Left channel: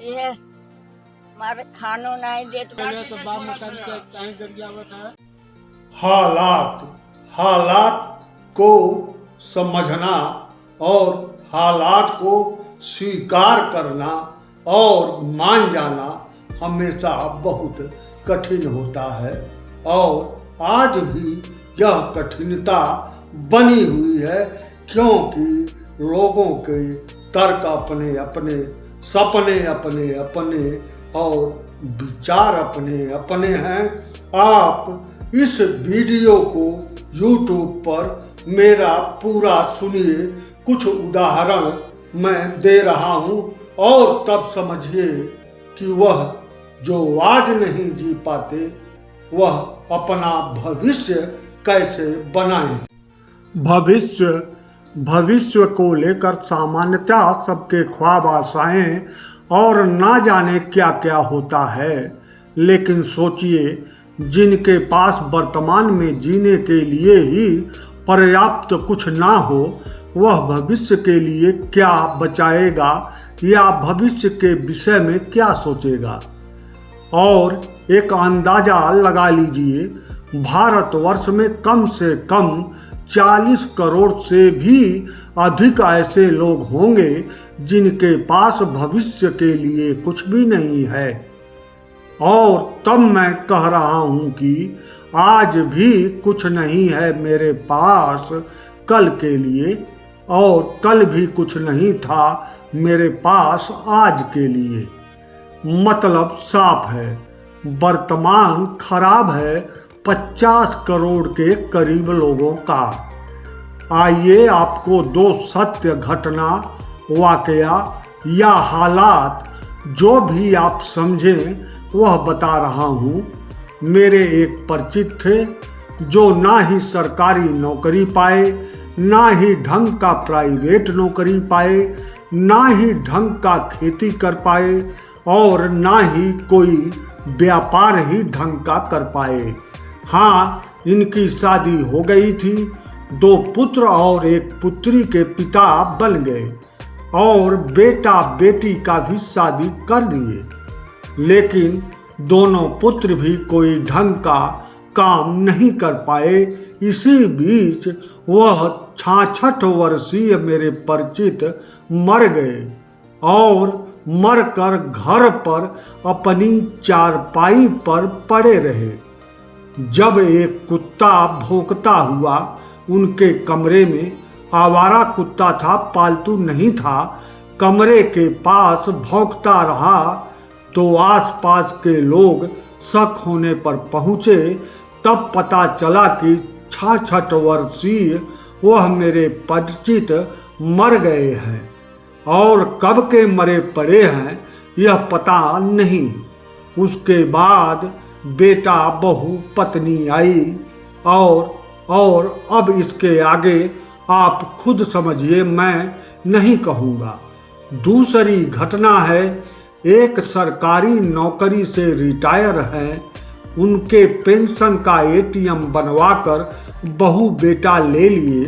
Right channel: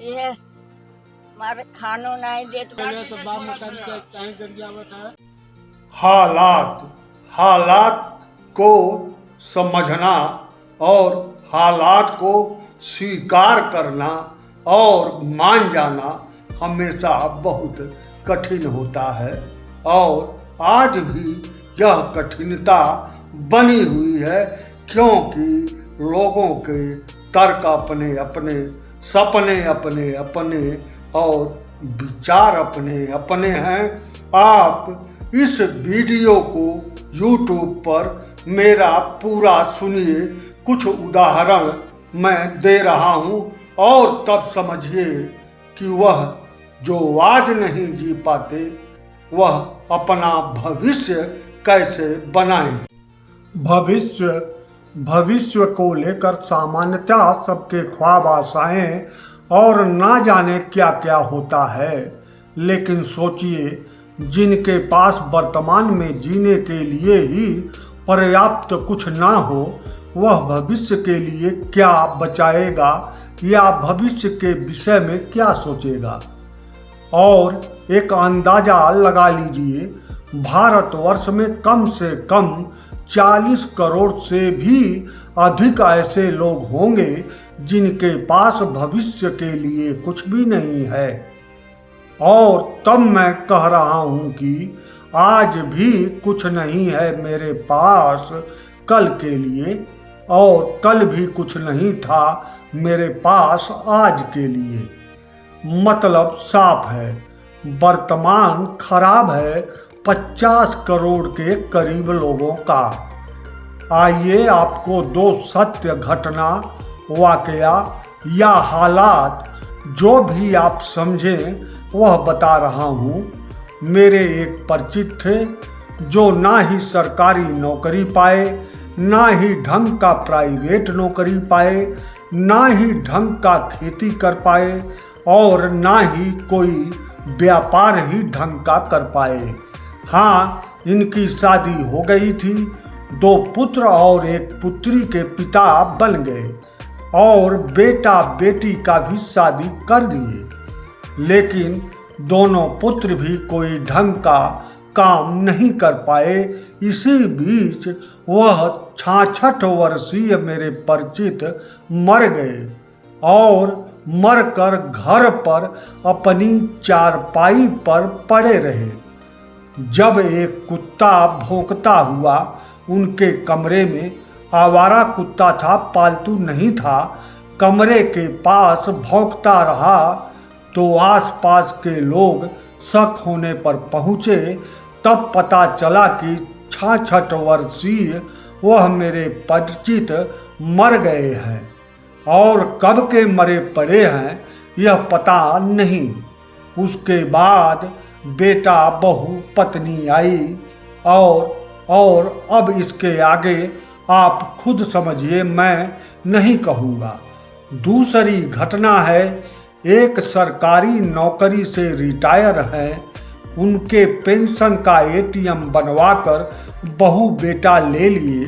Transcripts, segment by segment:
ये मारे खानो नहीं देत पहले तो बाप मकान के कहीं कर जावत है। हालात को समझना और हालात को स्वीकार करना और मान जाना हमेशा बहुत कठिन होता है और आज भी यह कठिनता बनी हुई है, क्योंकि लोगों के तर्क अपने अपने, सपने अपने अपने और विचार अपने अपने हैं। आप इस वीडियो को YouTube पर मेरा पूरा सुनिए, कुछ उदाहरण मैं दे रहा हूँ और तब समझिए कि वह जो आज नहीं जी पाते वह अपना भविष्य कैसे बनाएं। भविष्य को लेकर सामान्यतः सबके ख्वाब, आशाएं और ना जाने क्या क्या होता है, लेकिन सोचिए जिनके पास वर्तमान में जीने के लिए ही पर्याप्त कुछ ना हो, वह भविष्य के लिए क्या बचाएगा या भविष्य के विषय में क्या सोचेगा। और एक अंदाज़ा लगा लीजिए, भारतवर्ष में कम से कम 40 करोड़ से भी अधिक ऐसे लोग होंगे जिनके पास भविष्य के लिए कुछ भी नहीं है। और तब मैं कह रहा हूँ कि आज भी कुछ नहीं है मेरे पास कल के लिए, और कल भी कुछ नहीं था मेरे पास आज के लिए। मतलब साफ है, वर्तमान खराब है 50 करोड़ के करीब लोगों का। आइए आपको दो सत्य घटना, वाकया या हालात जो भी आप समझें वह बता रहा हूँ। मेरे एक परिचित थे जो ना ही सरकारी नौकरी पाए, ना ही ढंग का प्राइवेट नौकरी पाए, ना ही ढंग का खेती कर पाए और ना ही कोई व्यापार ही ढंग का कर पाए। हाँ, इनकी शादी हो गई थी, 2 पुत्र और 1 पुत्री के पिता बन गए और बेटा बेटी का भी शादी कर दिए, लेकिन दोनों पुत्र भी कोई ढंग का काम नहीं कर पाए। इसी बीच वह 66 वर्षीय मेरे परिचित मर गए और मरकर घर पर अपनी चारपाई पर पड़े रहे। जब एक कुत्ता भौंकता हुआ उनके कमरे में, आवारा कुत्ता था, पालतू नहीं था, कमरे के पास भौंकता रहा, तो आसपास के लोग शक होने पर पहुँचे। तब पता चला कि 66 वर्षीय वह मेरे परिचित मर गए हैं और कब के मरे पड़े हैं यह पता नहीं। उसके बाद बेटा, बहू, पत्नी आई और अब इसके आगे आप खुद समझिए, मैं नहीं कहूँगा। दूसरी घटना है, एक सरकारी नौकरी से रिटायर हैं, उनके पेंशन का ATM बनवाकर बहू बेटा ले लिए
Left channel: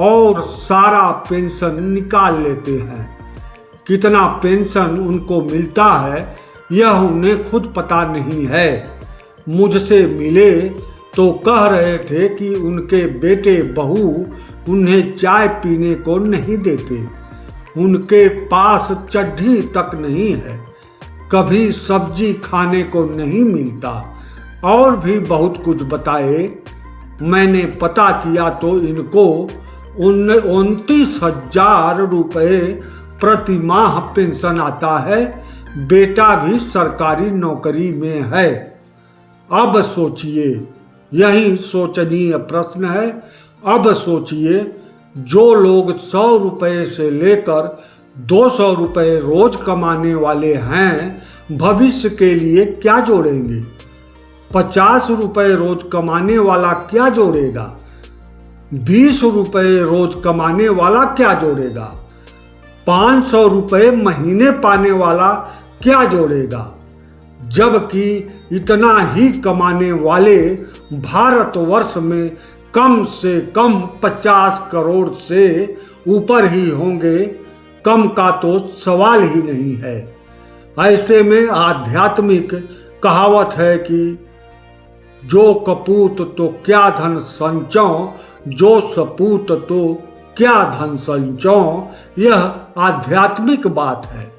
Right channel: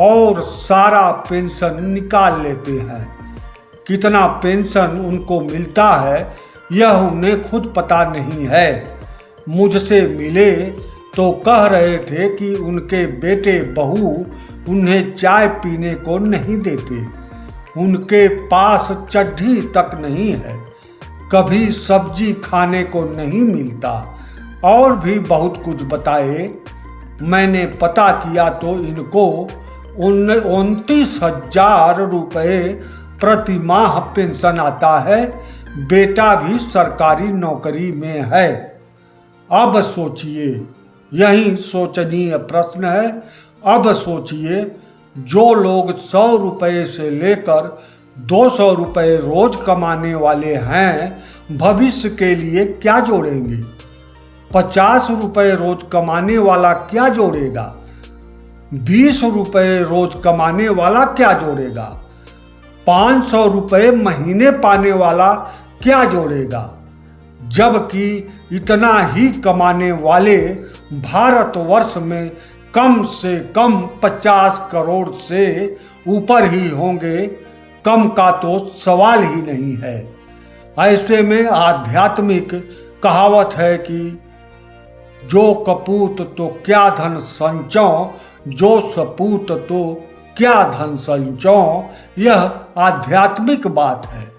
और सारा पेंशन निकाल लेते हैं। कितना पेंशन उनको मिलता है यह उन्हें खुद पता नहीं है। मुझसे मिले तो कह रहे थे कि उनके बेटे बहू उन्हें चाय पीने को नहीं देते, उनके पास चड्ढी तक नहीं है, कभी सब्जी खाने को नहीं मिलता और भी बहुत कुछ बताए। मैंने पता किया तो इनको 29,000 रुपये प्रति माह पेंशन आता है, बेटा भी सरकारी नौकरी में है। अब सोचिए, यही सोचनीय प्रश्न है। अब सोचिए, जो लोग 100 रुपये से लेकर 200 रुपये रोज कमाने वाले हैं, भविष्य के लिए क्या जोड़ेंगे? 50 रुपये रोज कमाने वाला क्या जोड़ेगा? 20 रुपये रोज कमाने वाला क्या जोड़ेगा? 500 रुपये महीने पाने वाला क्या जोड़ेगा? जबकि इतना ही कमाने वाले भारतवर्ष में कम से कम 50 करोड़ से ऊपर ही होंगे, कम का तो सवाल ही नहीं है। ऐसे में आध्यात्मिक कहावत है कि जो कपूत तो क्या धन संचो, जो सपूत तो क्या धन संचो, यह आध्यात्मिक बात है।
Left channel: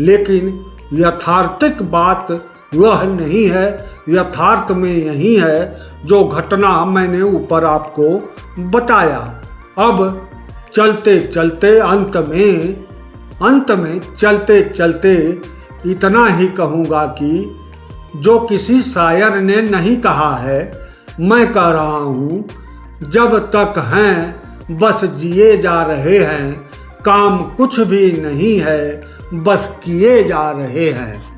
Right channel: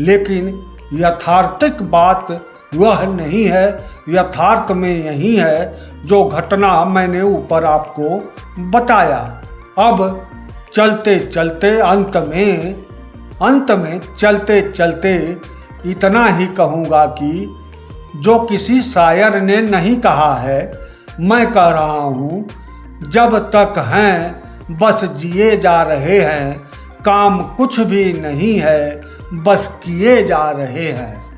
लेकिन यथार्थिक बात वह नहीं है। यथार्थ में यही है जो घटना मैंने ऊपर आपको बताया। अब चलते चलते अंत में चलते चलते इतना ही कहूँगा कि जो किसी शायर ने नहीं कहा है, मैं कह रहा हूँ, जब तक हैं बस जिए जा रहे हैं, काम कुछ भी नहीं है, बस किए जा रहे हैं।